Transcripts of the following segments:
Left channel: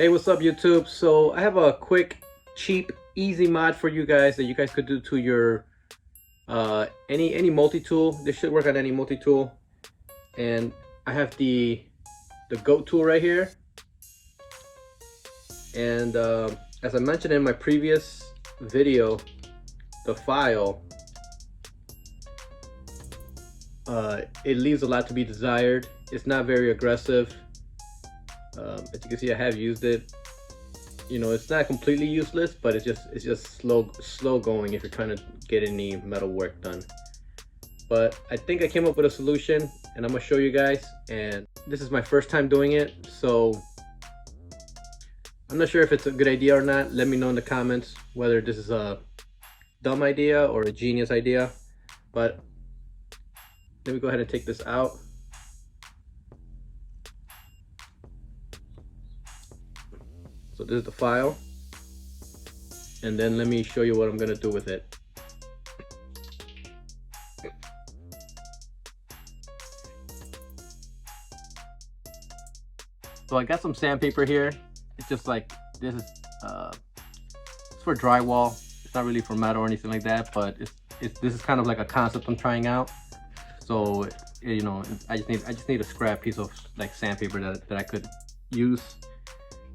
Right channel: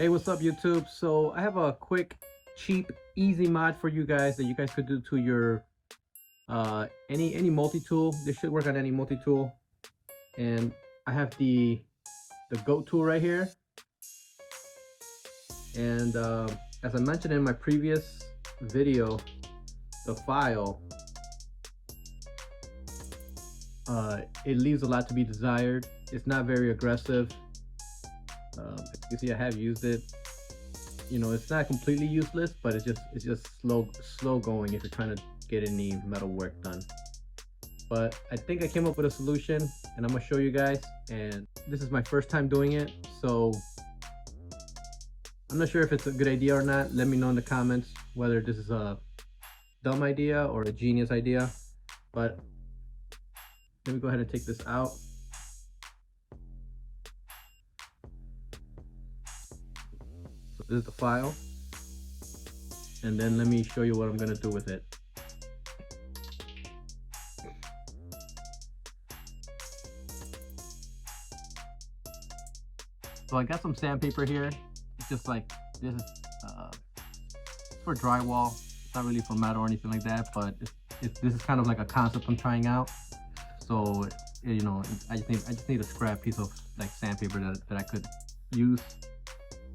Hey, what's up YouTube? So I have a quick, cheap, easy mod for you guys that you guys could do to your any multi-tool. This should work on any multi-tool. And I have the goat tool right here. And as I mentioned in my previous video, the file it leaves a lot to be desired. It's not very aggressive. As you can see, I have used it. You know, it's not completely useless, but it's just slow going if you're trying to get any metal work done. But I think I came up with a solution, and I'm gonna show you guys. And this is my first time doing it, so I'm not sure if it's a good idea or not. Let me know in the comments whether this is a dumb idea or a genius idea. But let me go ahead and take this out. So this is the file, and then let me show you what I'm gonna do with it. So I got some sandpaper here. It's just like, this is it's for drywall. It's not really for metal or anything like that, but this is kind of like a concept I'm trying out. So you know, I just need a scrap piece of like sandpaper that I could use.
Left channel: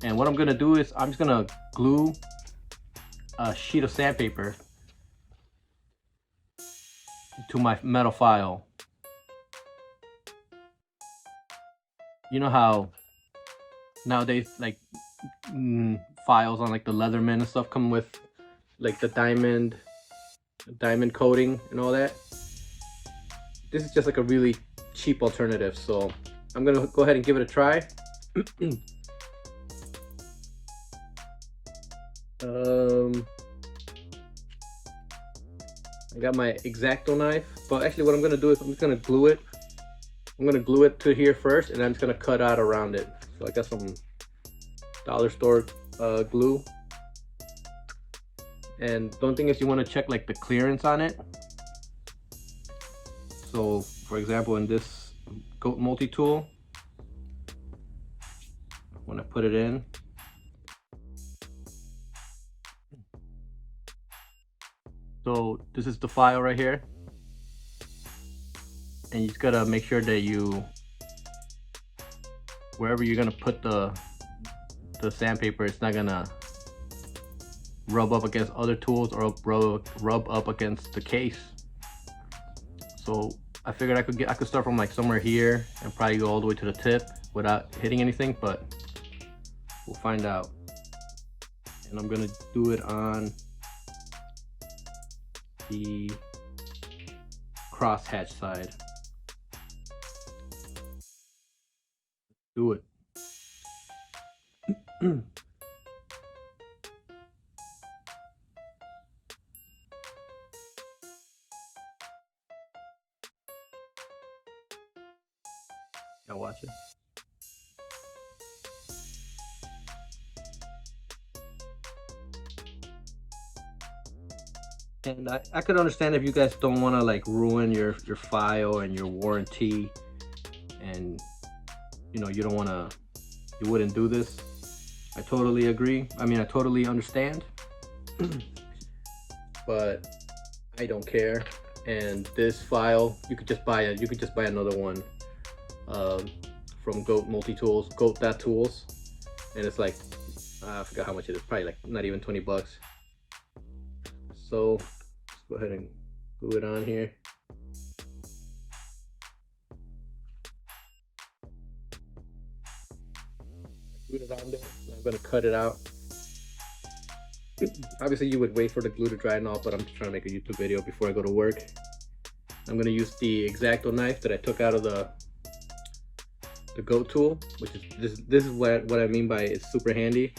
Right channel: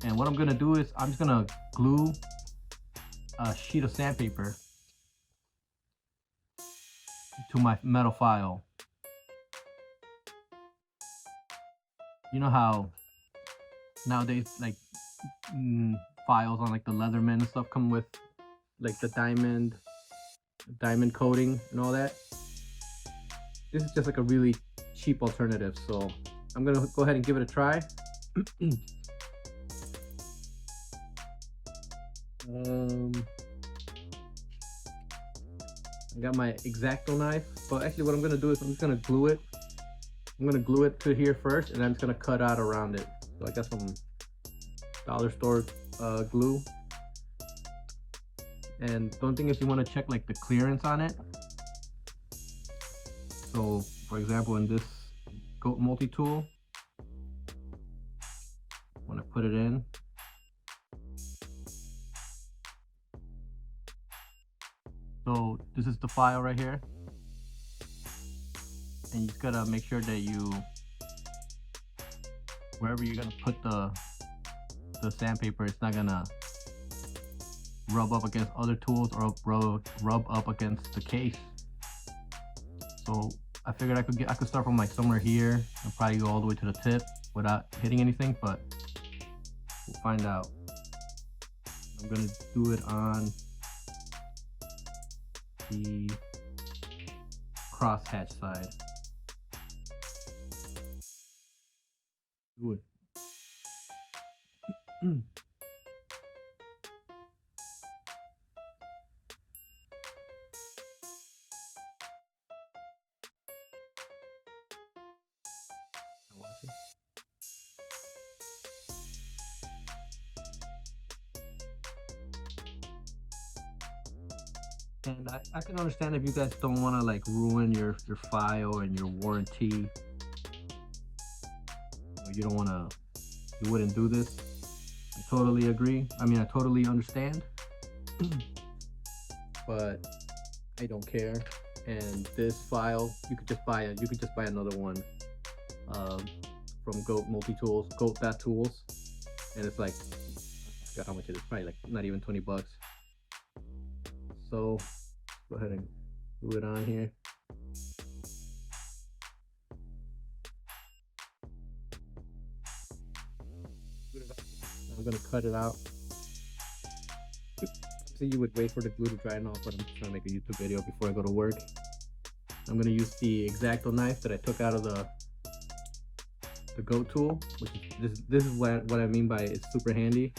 And what I'm gonna do is I'm just gonna glue a sheet of sandpaper to my metal file. You know how nowadays like files on like the Leatherman and stuff come with like the diamond coating and all that. This is just like a really cheap alternative, so I'm gonna go ahead and give it a try. I got my X-Acto knife, but actually what I'm gonna do is I'm just gonna glue it. I'm gonna glue it to here first, and I'm just gonna cut out around it. So I got some dollar store glue. And the only thing is you want to check like the clearance on it. So for example, in this goat multi-tool, when I put it in, so this is the file right here, and you just gotta make sure that wherever you're gonna put the sandpaper, it's not gonna rub up against other tools or rub up against the case. So I figured I could start from like somewhere here and probably go all the way to the tip without hitting anything, but we'll find out. And I'm gonna do it on the crosshatch side. Do it. Y'all watch it. And I could understand if you guys don't want to like ruin your file and your warranty, and you know, you wouldn't do this. I totally agree. I mean, I totally understand. But I don't care. And this file, you could just buy another one from Goat Multi-Tools, goat.tools, and it's like I forgot how much it is, probably like not even 20 bucks. So let's go ahead and glue it on here. Glue it on there. I'm gonna cut it out. Obviously you would wait for the glue to dry and all, but I'm just trying to make a YouTube video before I go to work. I'm gonna use the X-Acto knife that I took out of the goat tool, which is this is what I mean by it's super handy.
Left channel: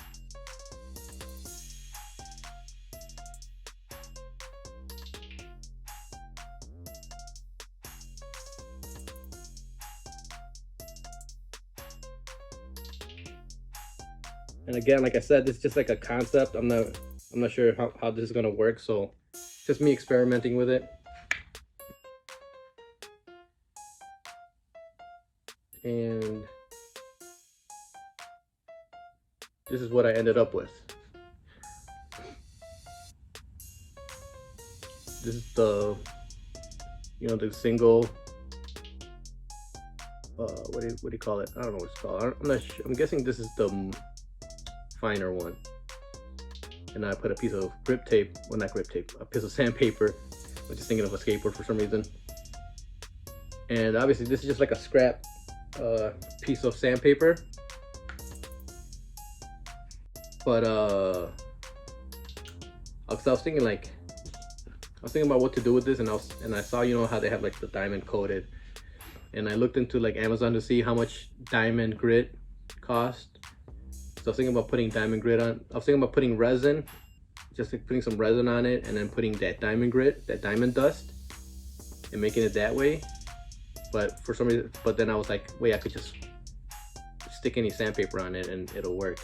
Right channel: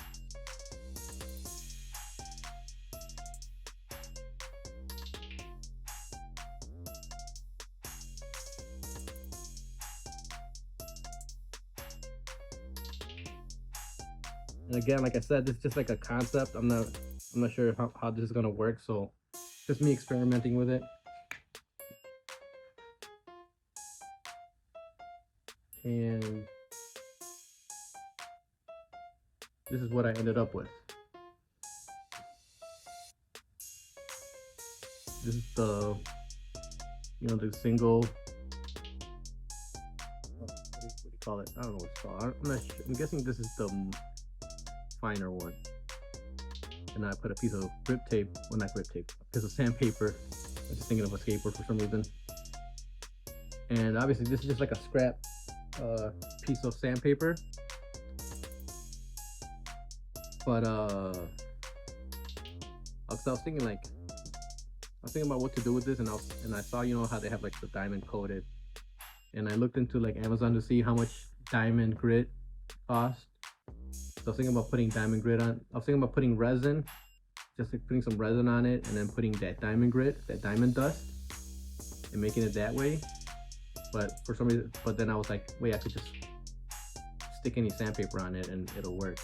And again, like I said, this is just like a concept. I'm not sure how this is gonna work, so just me experimenting with it. And this is what I ended up with. This is the, you know, the single, what do you call it? I don't know what it's called. I'm not sure. I'm guessing this is the finer one. And I put a piece of grip tape, well, not grip tape, a piece of sandpaper. I was just thinking of a skateboard for some reason. And obviously this is just like a scrap piece of sandpaper. But I was thinking about what to do with this, and I saw, you know, how they have like the diamond coated, and I looked into like Amazon to see how much diamond grit cost. So I was thinking about putting diamond grit on. I was thinking about putting resin, just like putting some resin on it, and then putting that diamond grit, that diamond dust, and making it that way. But for some reason, but then I was like, wait, I could just stick any sandpaper on it and it'll work.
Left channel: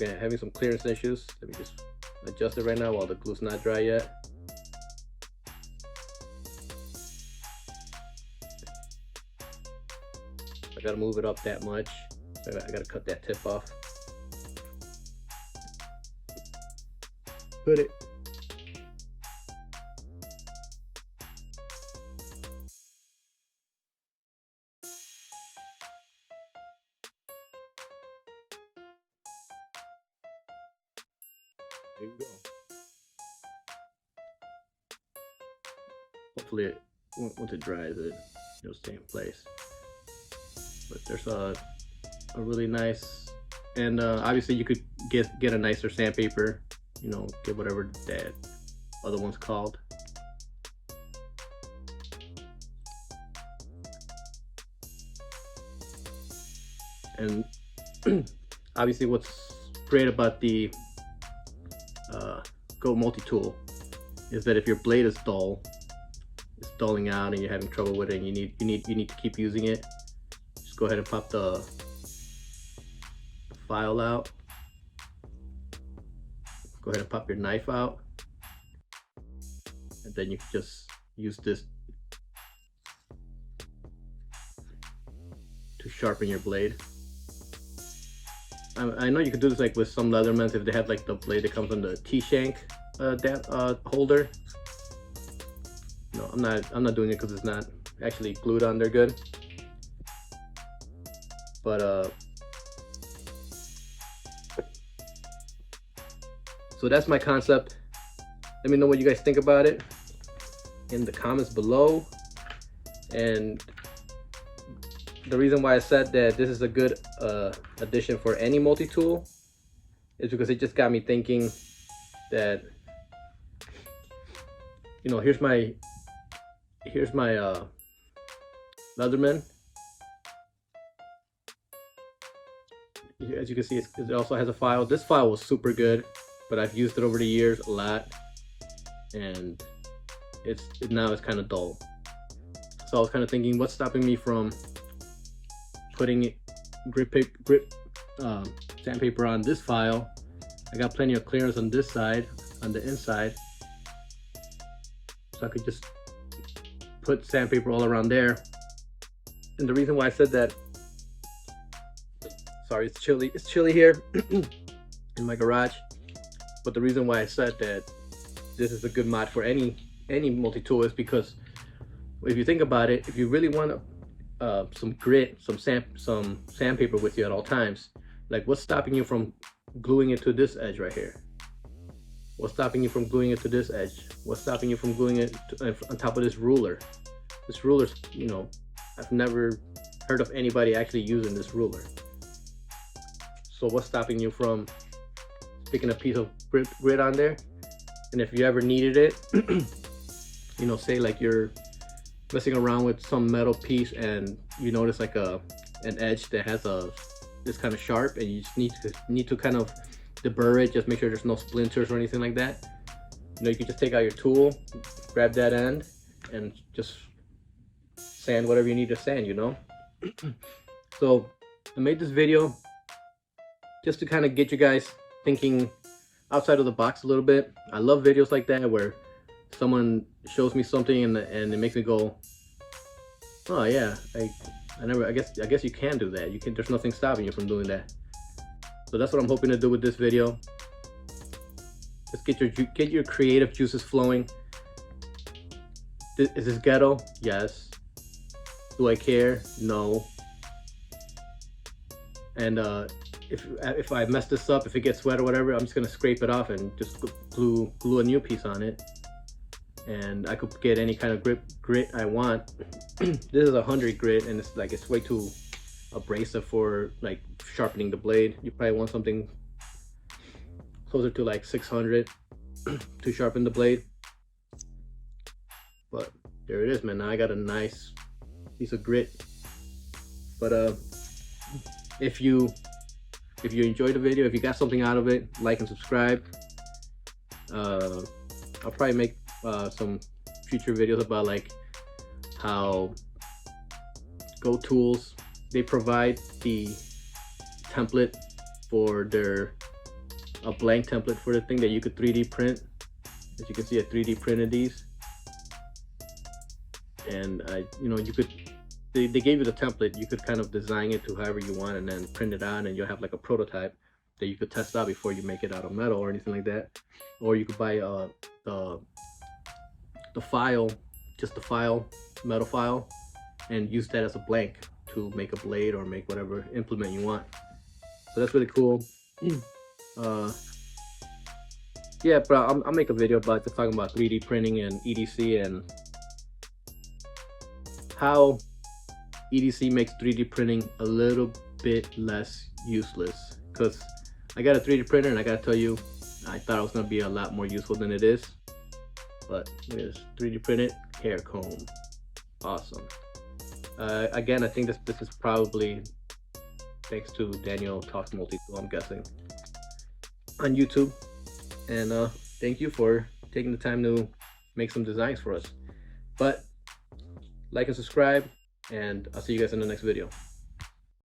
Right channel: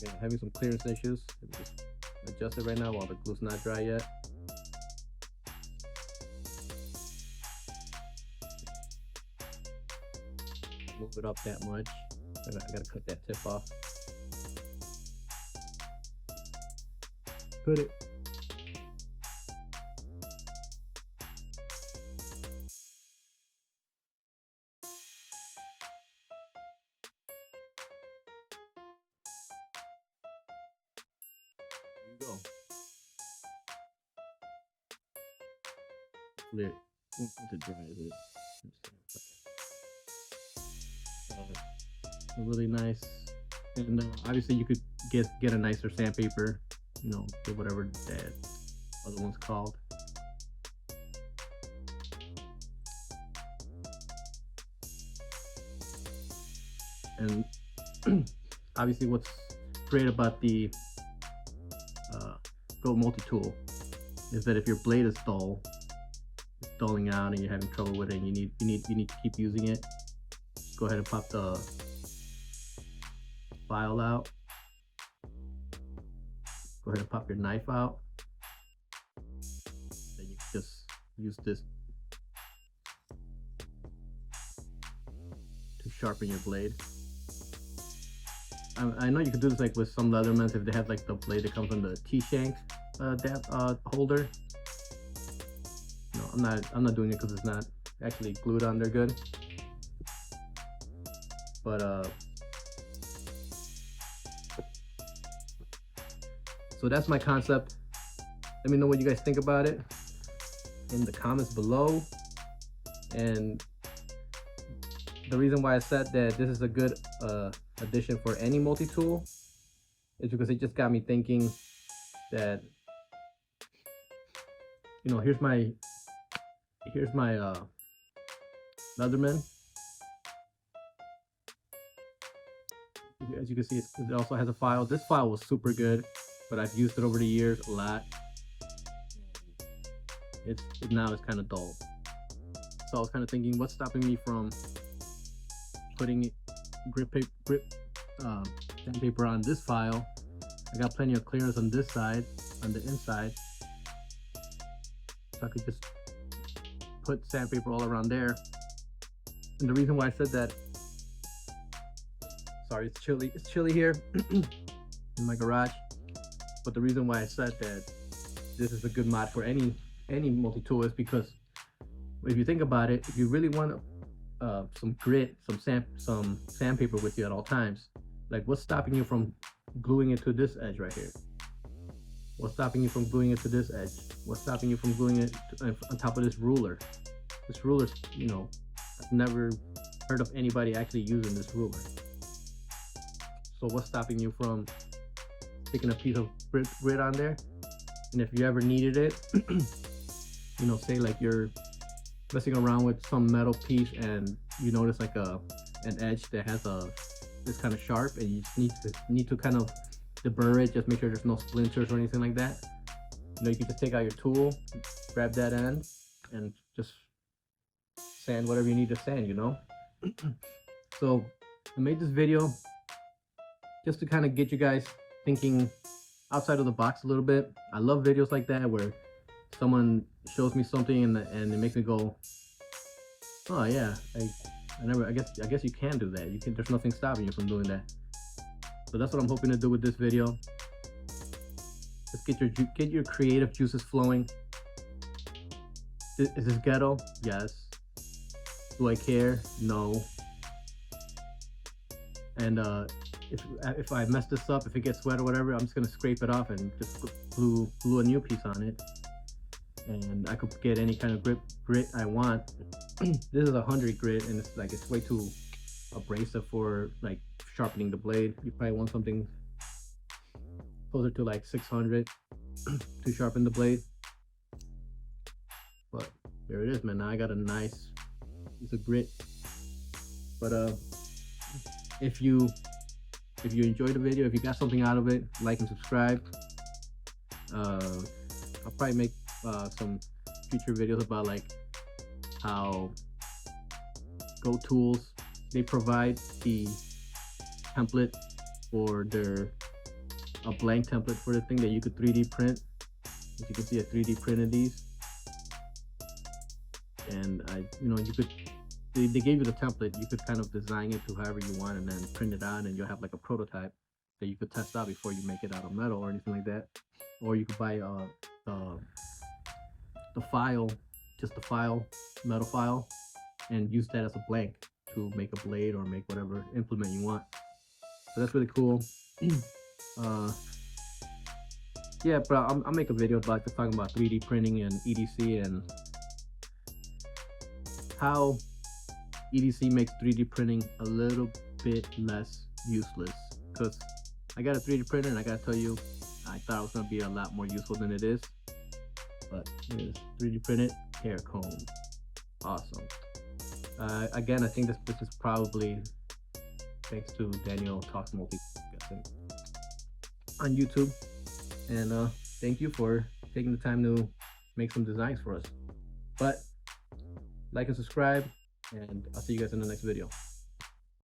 Yeah, having some clearance issues. Let me just adjust it right now while the glue's not dry yet. I gotta move it up that much. I gotta cut that tip off. Put it. There you go. Hopefully, once it dries, it'll stay in place. But there's a really nice, and obviously you could get a nicer sandpaper. You know, get whatever that other one's called. And obviously, what's great about the Go multi-tool is that if your blade is dull, it's dulling out, and you're having trouble with it, and you need to keep using it, just go ahead and pop the file out. Go ahead and pop your knife out, and then you can just use this to sharpen your blade. I know you can do this like with some Leathermans if they have like the blade that comes on the T-shank holder. No, I'm not doing it because it's not actually glued on there good. But so that's my concept. Let me know what you guys think about it in the comments below. And the reason why I said that this is a good addition for any multi-tool is because it just got me thinking that, you know, here's my Leatherman. As you can see, it also has a file. This file was super good, but I've used it over the years a lot, and now it's kind of dull. So I was kind of thinking, what's stopping me from putting sandpaper on this file? I got plenty of clearance on this side, on the inside, so I could just put sandpaper all around there. And the reason why I said that, sorry, it's chilly here in my garage, but the reason why I said that this is a good mod for any multi-tool is because if you think about it, if you really want some grit, some sandpaper with you at all times, like what's stopping you from gluing it to this edge right here? What's stopping you from gluing it to this edge? What's stopping you from gluing it on top of this ruler? This ruler's, you know, I've never heard of anybody actually using this ruler. So what's stopping you from sticking a piece of grit on there? And if you ever needed it, you know, say like you're messing around with some metal piece and you notice like an edge that has this kind of sharp, and you just need to kind of deburr it, just make sure there's no splinters or anything like that. You know, you can just take out your tool, grab that end, and just sand whatever you need to sand, you know. So I made this video just to kind of get you guys thinking outside of the box a little bit. I love videos like that where someone shows me something and it makes me go, oh yeah, I guess you can do that. There's nothing stopping you from doing that. So that's what I'm hoping to do with this video. Just get your creative juices flowing. Is this ghetto? Yes. Do I care? No. And if I mess this up, if it gets wet or whatever, I'm just gonna scrape it off and just glue a new piece on it. And I could get any kind of grit I want. This is 100 grit, and it's way too abrasive for like sharpening the blade. You probably want something closer to like 600 to sharpen the blade. But there it is, man. Now I got a nice piece of grit. But if you enjoyed the video, if you got something out of it, like and subscribe. I'll probably make some future videos about like how GoTools, they provide the template for a blank template for the thing that you could 3D print. As you can see, I 3D printed these, and they gave you the template. You could kind of design it to however you want and then print it out, and you'll have like a prototype that you could test out before you make it out of metal or anything like that. Or you could buy the file, just the file, metal file, and use that as a blank to make a blade or make whatever implement you want. So that's really cool. Yeah, but I'll make a video about just talking about 3D printing and EDC and how EDC makes 3D printing a little bit less useless. Because I got a 3D printer, and I gotta tell you, I thought it was gonna be a lot more useful than it is. But here's 3D printed hair comb. Awesome. Again, I think this is probably thanks to Daniel Talks Multi-Tool, I'm guessing, on YouTube. And thank you for taking the time to make some designs for us. But like and subscribe, and I'll see you guys in the next video.